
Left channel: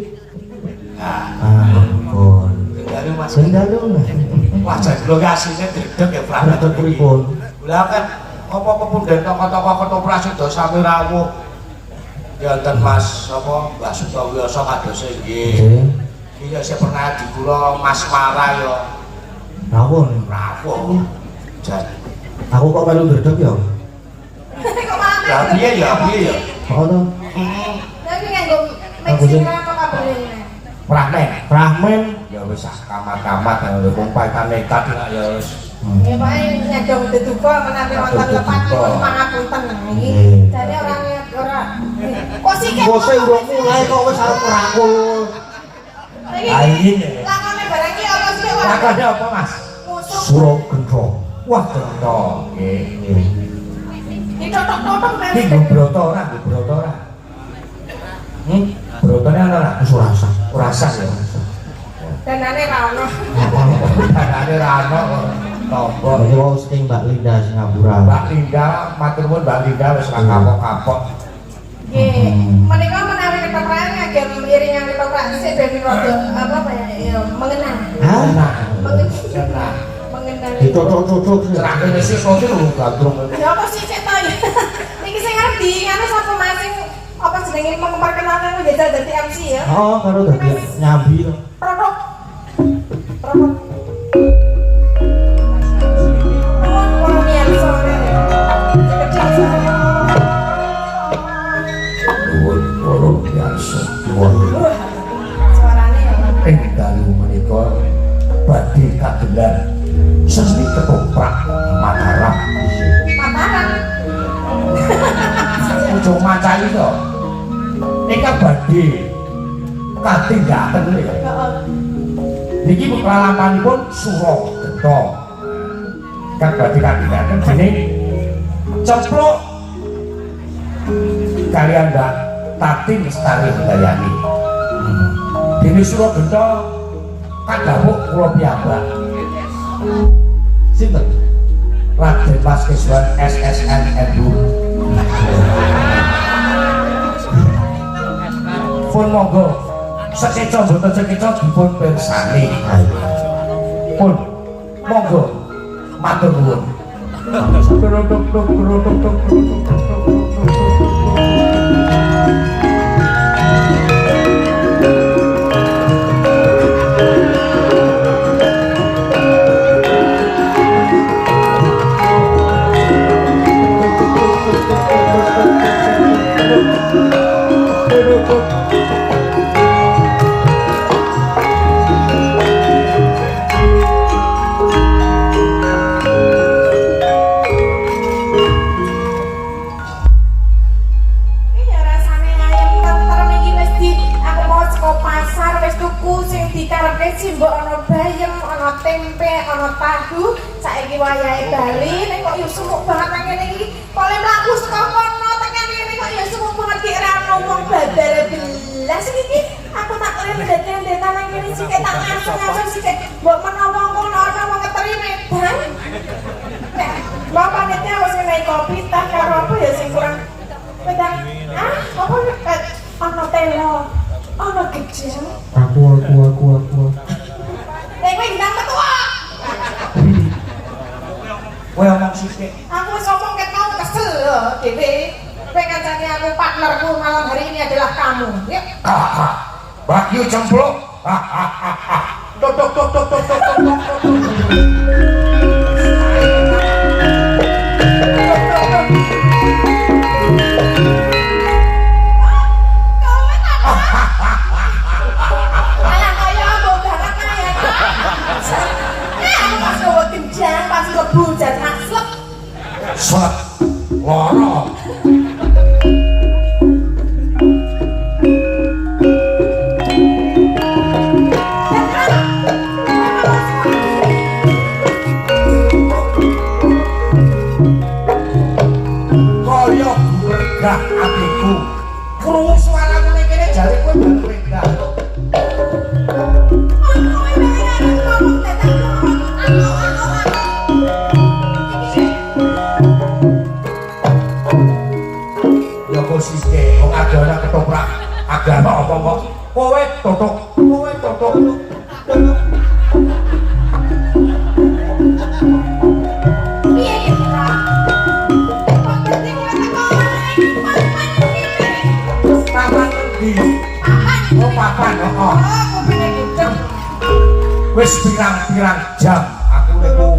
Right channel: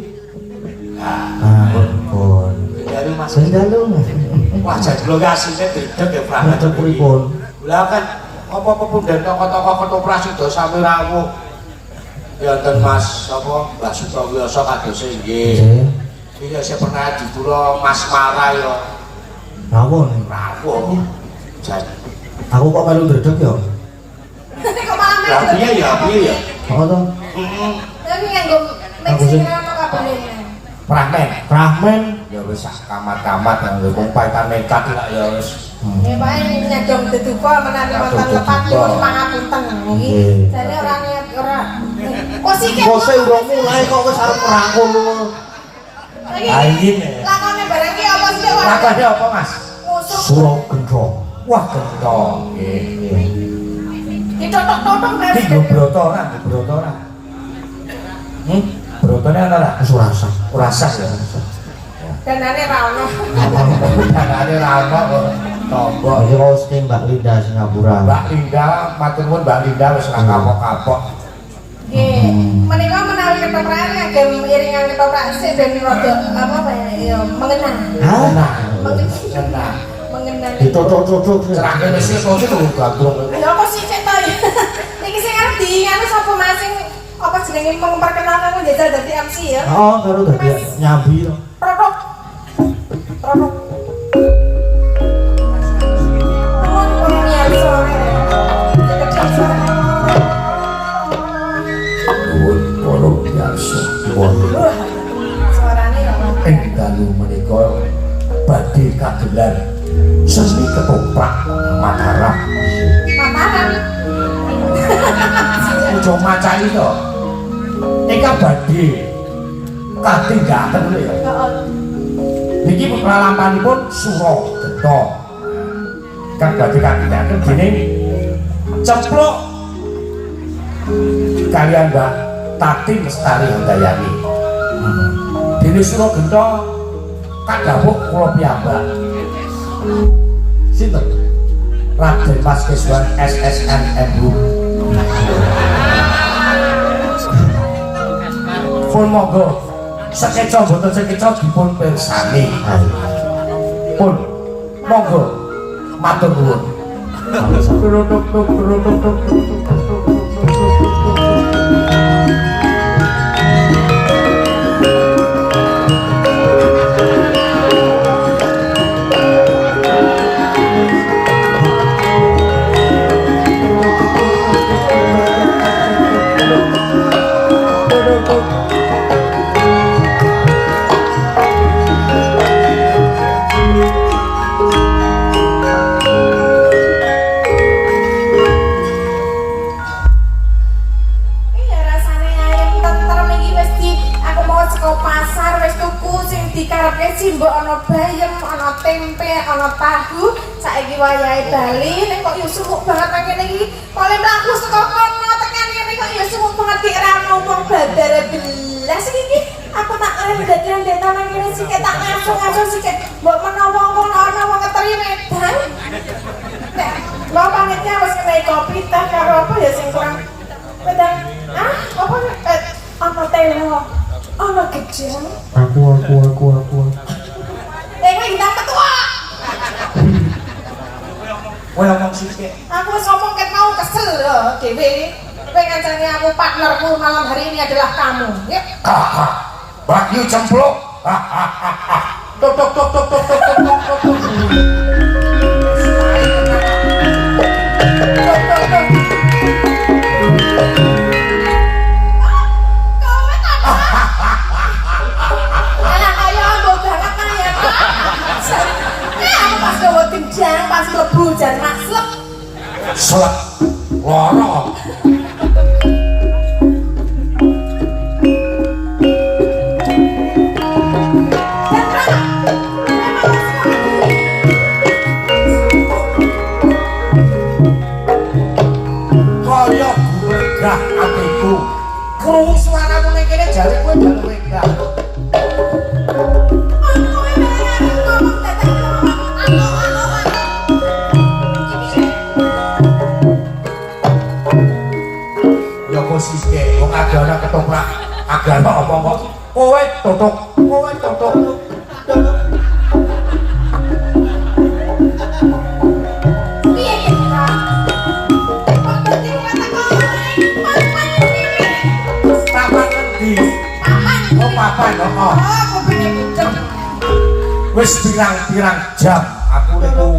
Ah, oh. Dari Mas. Sendalung. Wajah kula ki asline dedeg ya Pak. Dedeg pripun? Lah kan apa kemudian toko-toko ketoprak sudah sami rawuh. Ya ten Mas apa Mbak Sutowiyoso kados nggih. Nggih. Iki ya sing pernah di kula Mas Mara ya Rawon. rawuh. Jan. Aku kok melu dedeg ya? Kok malah Ya piye ya piye ya. Kok to? Tapi kan gue Aku sih. mixing apa kabelnya? Pramen. Fragmen. Ya wis sak kamat-kamat nang wong paitan nekat lah ya wis. Ya paling nyadong deduka menawi wonten lepat niku pangapunten iki. Nggih. Jane ora. Kok sih kek. Kok sing urung mulai kok wis arep merangkul. Ah, iki nih. Lakone barang iki apa sih Pak? Makane apa Mas? Musuh. Suro gendrong. Wah gentong. Nggih. Ditotok-totok Mas. Iki nggo broto ora, nggo broto ora. Brotone ana ora? Wis ora sah. Ora sah ya. Danane ra ono. Danane ra ono kok tombok. Iki wau sing Mbak Linda Singapura. Mbak Linda, matur nuwun Mbak Linda wis ora kapok-kapok. Nggih. Menika menawi ketoprak ngagem iringan ketoprak sik ben rada apa ya? Ya mengenang. Hah? Nah, Mengenang. Mengenang. Ditutuk-tutuk. cerahnya wis kok itu gandrung. Ya apa sih cek to ya? Niki sing arep diinganu sapa masing apa jenenge memperkenalkan menjajal dadi MC ya? Oh, karo dadi nyambi to. Produk. Produk. Nuwun para biasa. Suarane ya. Ing dalu menika badhe kagelar seni ketoprak Mataram. Mataram. Aja macani to. Eka badhe katindakan lho ya. Niki pralampahipun Suro Gento. Kang badhe katindakan dening ceplok kalian Mbak Tati Lestari Handayani. Dene Suro Gento kadhawuh kula piyambak. Sinten? Raden Mas Keswan SSNNU. Pun monggo sekeca boten sekeca dipun pirsani. Pun monggo matur nuwun. Iya rasane ayam tentrem iki wis di aku mau saka pasar wis tuku sing dikarepke simbok ana bayem, ana tempe, ana tahu. Saiki wayahe bali nek kok yo sumuk banget nang kene iki. Kok le mlaku saka kono tekan kene kok yo sumuk banget dik ra ngomong babar belas iki. Aku tak keren dadakan nang kene sik tak langsung sik mbok menawa kono ana wong ngeteri medan. Nek mbok panitia wis kene kopi teh karo apa ya sing kurang Pedang, apa pet? Apa teno? Ono kecil. Aku. Dewi kita ketua. Kowe omong sithik. Aku wis ngomong ket mau kesel loh, Dewi. Kowe kancane aku partnerku malam hari ini adalah kamu. Ya. Kakak. Bagio cempluk. Tok tok tok tok tok tok tok tok. Anak kaya apa banget nah ya. Aku pas lewat tim jang, pas lebu jan maslep. Slep. Loro. Kaya bergerak hatiku. Krungu suaramu ning kene jare kowe gak wedah. Ya kok sithik wong adana ketoprak agama apa kok kowe totok taman di oh papan kok wis pirang-pirang jam aku itu